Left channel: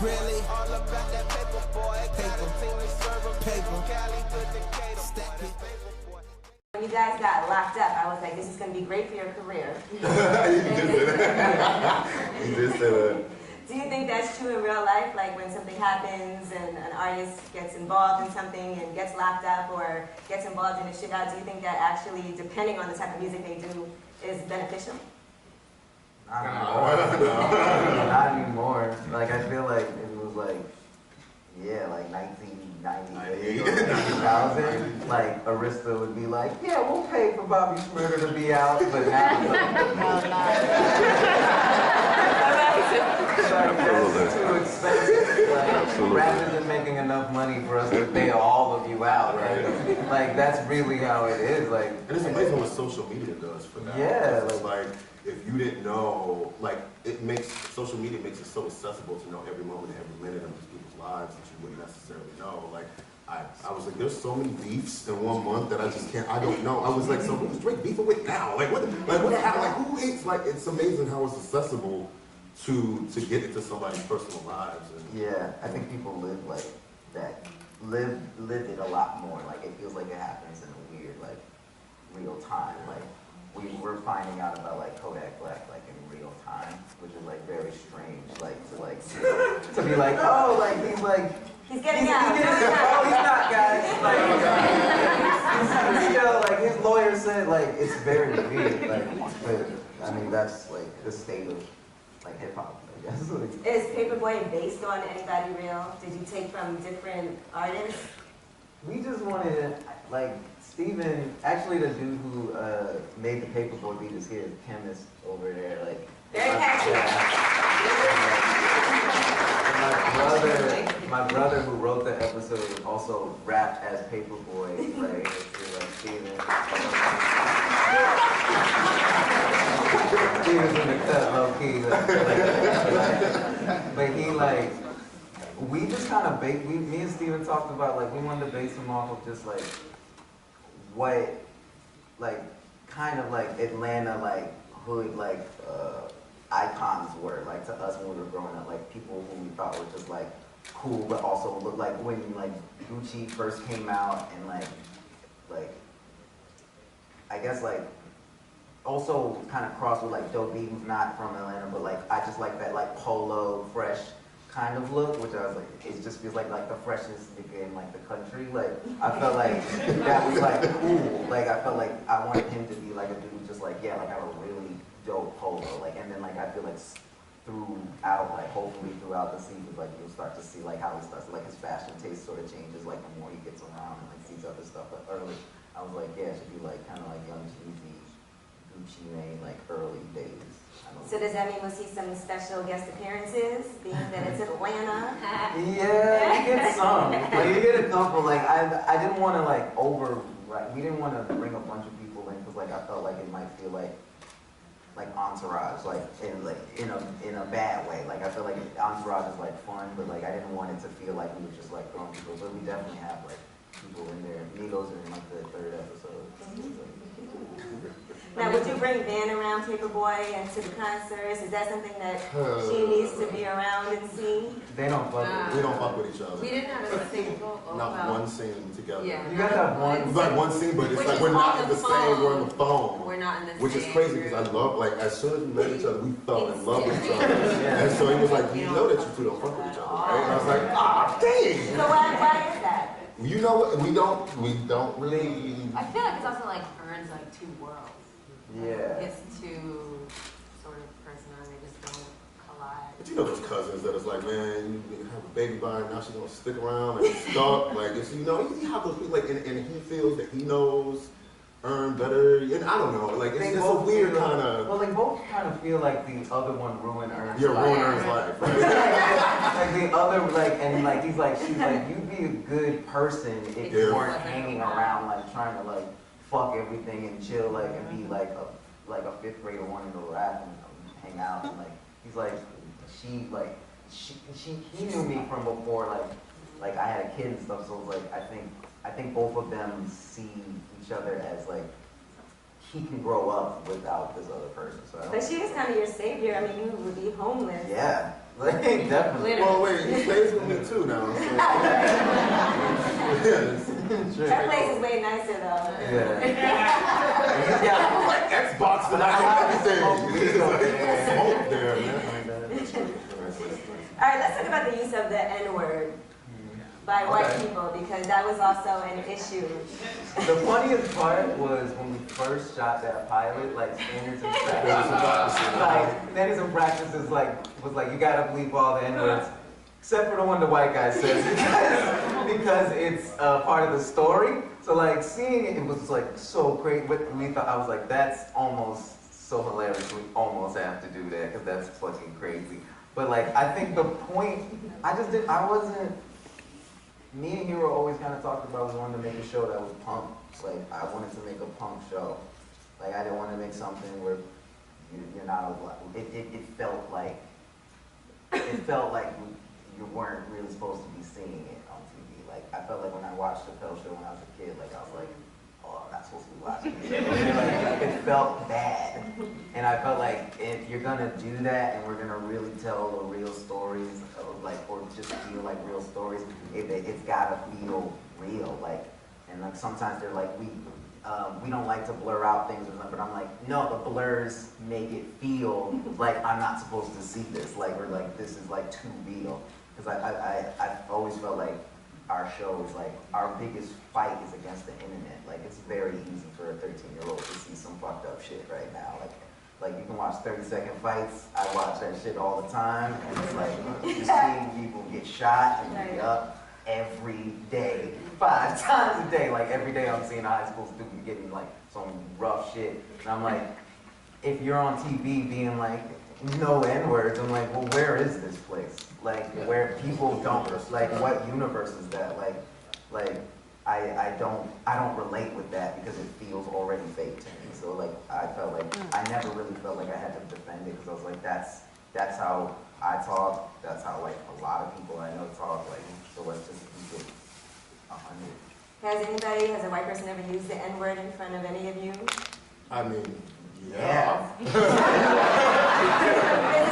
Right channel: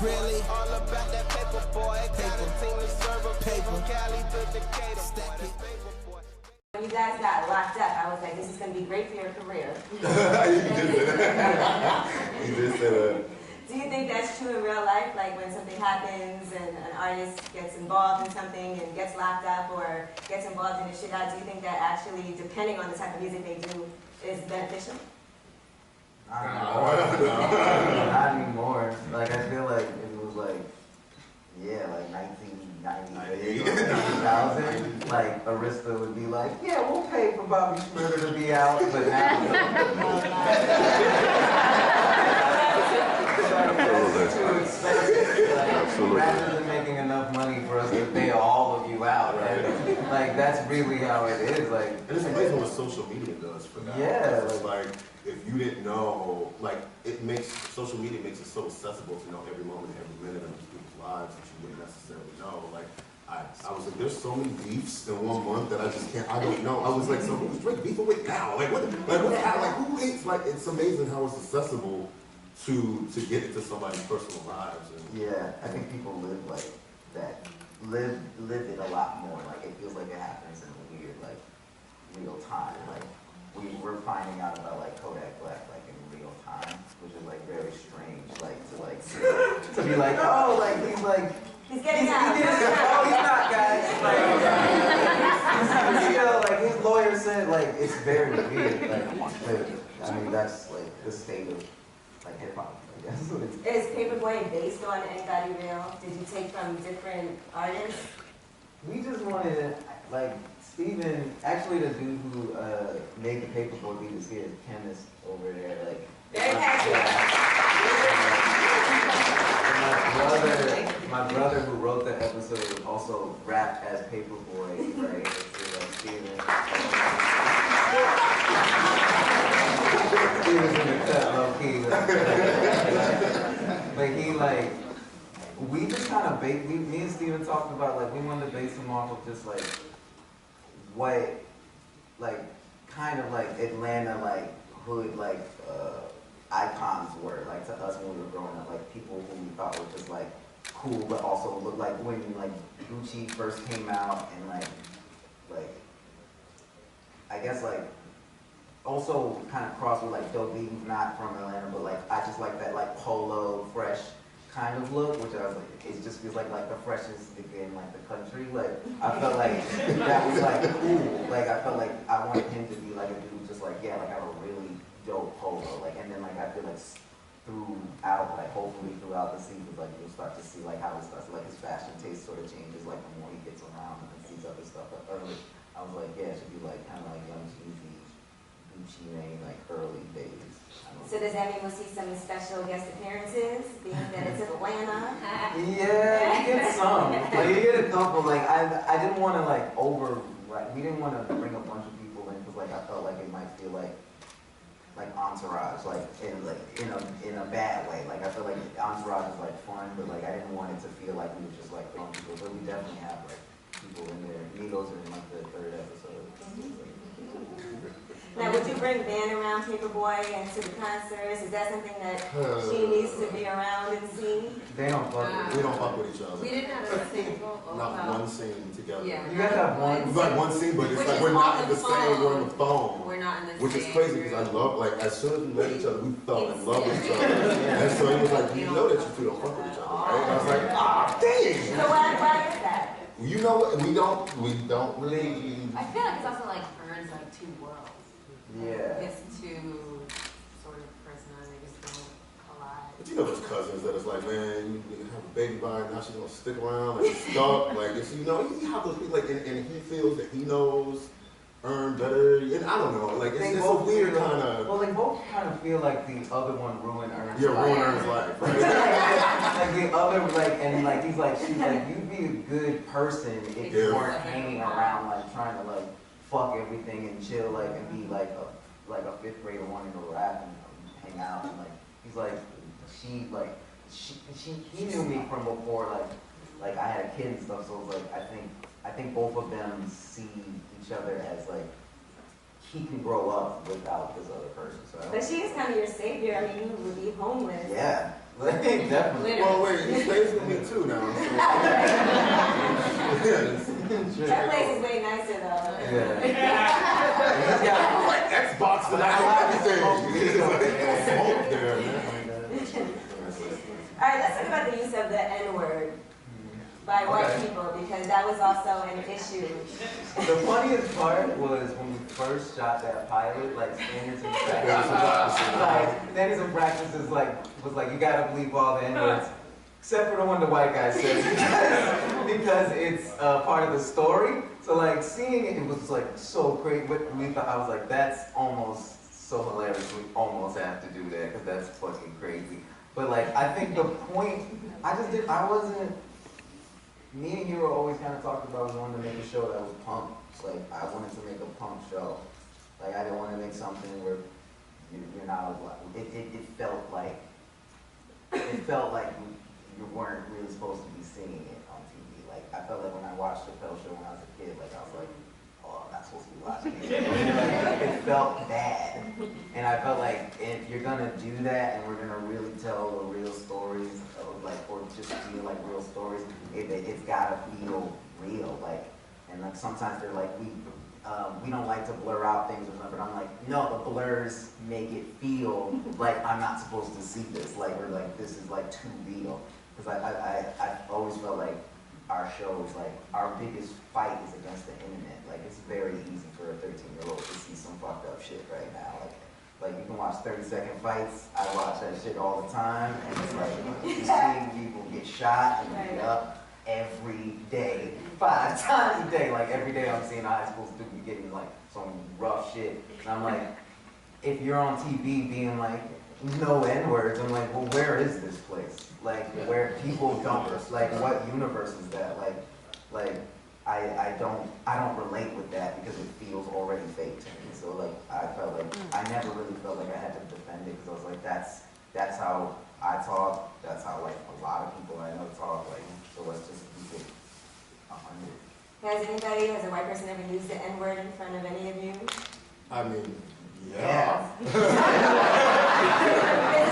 Really? All about that paper, boy. Got a team to serve a paper. Cali to Decatur. Stack it. When you guys got locked up, I was like, this is going to be great for your career. You did say that. You did say that. Do you think that's true in real life? Like when something happens and an artist gets involved in something and gets locked up or gets involved in a shootout, do you think that actually, depending on the type of music they do, is beneficial? Not anymore. Like, I feel like if it was like, yeah, like 1998 or 2000, like Arista would be like, yeah, we'll pay for Bobby Shmurda to be out, but now that's too expensive. Like, rather than making enough money for us to pay all of you out, right? Like, that's really how it is. Like, and it's amazing what social media does for that. Yeah. It's like, if you didn't know, like, social media makes it so accessible to know every moment, every minute of these people's lives that you wouldn't necessarily know. Like, I was like, there's so many beefs in 1 month that I just can't, I don't know. I was like, so who's Drake beefing with now? Like, what the hell? Like, who hates? Like, it's amazing how it's accessible to get into somebody's personal lives. And yeah, I think people live like that, live it a lot more. Like, it feels like it happens in a weird, like, real time. Like, we're finding out about like Kodak Black like in real time, which is like very strange. Like to be like, oh, like he's getting out. Oh, he's not, guys. Like, he's still like his lawyer said. Like, it's very weird. Like, but, I mean, that's like the state of like hip hop, I guess. Is Paperboy based on anybody real? Did you take from different artists? We just wanted to, like, Steven, actually the dude who made the Paperboy beat is here, chemist over there, like. Very catchy. My brother who wrote the episode also rapped as Paperboy, right? Like Steven. Steven's in the cut, low key. But he like, we just kind of me and Steven talked about like we wanted to base him off of just like what, like kind of like Atlanta like hood like icons were like to us when we were growing up, like people who we thought were just like cool but also looked like when like Gucci first came out and like I guess like also kind of crossed with like Dope Eaton's not from Atlanta, but like I just like that like polo fresh kind of look, which I was like, it just feels like the freshest nigga in like the country. Like I felt like that was like cool. Like I felt like I wanted him to be like a dude just like, yeah, like I have a really dope polo. Like, and then like I feel like throughout, like hopefully throughout the season, like you'll start to see like how it starts, like his fashion taste sort of changes like the more he gets around and like sees other stuff. But early, I was like, yeah, it should be like kind of like Young Jeezy, Gucci Mane, like early days. So does that mean we'll see some special guest appearances, being that it's Atlanta? Yeah, you get some. Like you get a couple. Like I didn't want to like we didn't want to bring a bunch of people in because like I felt like it might feel like Entourage, like in a bad way. Like I feel like Entourage is like fun, but like I didn't want it to feel like we were just like throwing people. But we definitely have like people in there. Migos are in like the 3rd episode. Now, would you bring Van around Paperboy into the concerts? Is that something that she needs to be around and see? They don't fuck with We don't fuck with each other. We didn't have a single. Not one scene together. Yeah. You guys have one. We've got one scene, but it's like we're not in the same. We're on the phone. We're not in the same. Which is crazy because I love, like, as soon as we met each other, we fell in love with each other. And so he was like, you know that you two don't fuck with each other, right? And I was like, ah, dang. So why is that? You know what? We don't really. I feel like it's also like earns like two worlds. Yeah. It's two sort of personalities, they just don't collide. But you know those cousins that is like, man, you have a baby by her, now she's gonna stick around, like stuck, like it's, you know, you have those people like, and he feels that he knows, earn better, and I don't know, like it's a weird kind of. Well, they both kind of feel like the other one ruined Ern's yeah, life. ruined Ern's life, right? Like the other, like, and like he's like, she's like, you'd be a good person if you weren't hanging around, like trying to like fuck everything and chill, like, and be like a 5th grader wanting to rap and hang out, and like he's like, he knew me from before, like I had a kid and stuff, so it was like I think both of them see each other as like he can grow up without this other person. So but she is kind of your savior. I mean, you would be homeless. Yeah. Like Definitely. Well, wait, he stays with me too now. So. That place is way nicer though. Yeah. Like Xbox and everything. It's like smoke there, man. All right, let's talk about the use of the N-word by white people, because that was also an issue. The funniest part was when we first shot that pilot, like standards and practices. Like standards and practices, was like you gotta bleep all the N-words, except for the one the white guy says, because it's part of the story. So like seeing it, it was like so great. We thought, I was like, that's almost so hilarious. We almost have to do that because that's fucking crazy. But like, I think the point, me and Hero always kind of talked about wanting to make a show that was punk. Like, I wanted to make a punk show. Like, I didn't want to make something where you're not allowed. It felt like you weren't really supposed to be seeing it on TV. Like, I felt like when I watched the Chappelle Show when I was a kid, like, I was like, oh, I'm not supposed to be watching it. Like, it felt bad. And I felt like if you're gonna do that and we're gonna really tell the real stories, or just feel like real stories, it's gotta feel real. Like, and like sometimes they're like, we don't like to blur out things or something, but I'm like, no, the blurs make it feel like I'm not supposed to see this, like, or like this is like too real. Because I've always felt like our show is like, our biggest fight is against the internet. Like, it's very easy for a 13-year-old to see some fucked up shit right now. Like you can watch 30-second fights. I watch that shit all the time, and it's like, you see people get shot and beat up every day, 5 times a day. Like, every day I'm seeing a high school student getting like some rough shit. And I'm like, if you're on TV being like, no N-words, I'm like, well, where is this place? Like, where people don't, like, what universe is that? Like, I don't relate with that because it feels already fake to me. So like, I felt like, I never really felt like I had to defend it because I was like, that's how I talk, that's how like a lot of people I know talk, like, so let's just keep it 100. Has a white person ever used the N-word in front of any of you? I mean, yeah. Is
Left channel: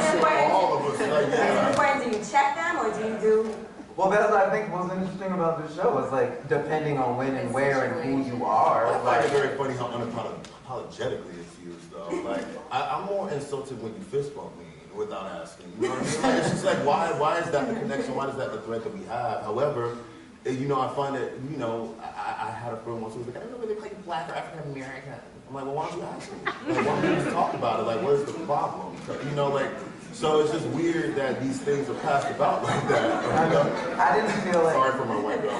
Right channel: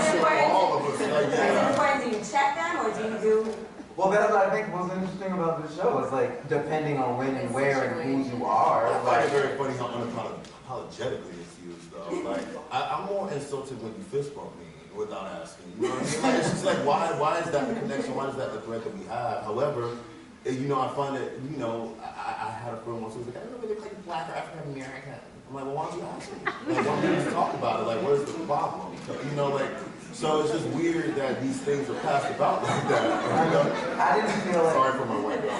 it important? All of us, like, Is it important? Do you check them or do you do? Well, that's what I think was interesting about this show, is like, depending on when and where and who you are. I find it very funny how unapologetically it's used, though. Like, I'm more insulted when you fist bump me without asking. You know what I mean? Like, it's just like, why is that the connection? Why is that the thread that we have? However, you know, I find that, you know, I had a friend once who was like, I don't know whether they call you black or African American. I'm like, well, why don't you ask me? Like, why don't we just talk about it? Like, what is the problem? You know, like, so it's just weird that these things are passed about like that. You know? I didn't feel like... Sorry for my white girl.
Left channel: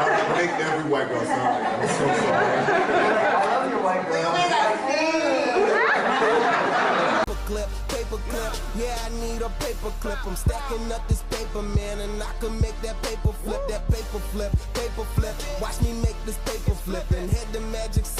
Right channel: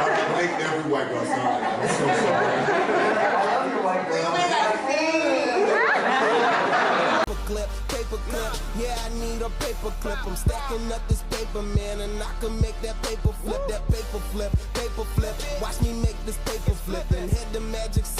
I make every white girl sound like that. I'm so sorry. I love your white girl. Paper clip, yeah, I need a paper clip. I'm stacking up this paper, man, and I can make that paper flip. Watch me make this paper flip and hit the magic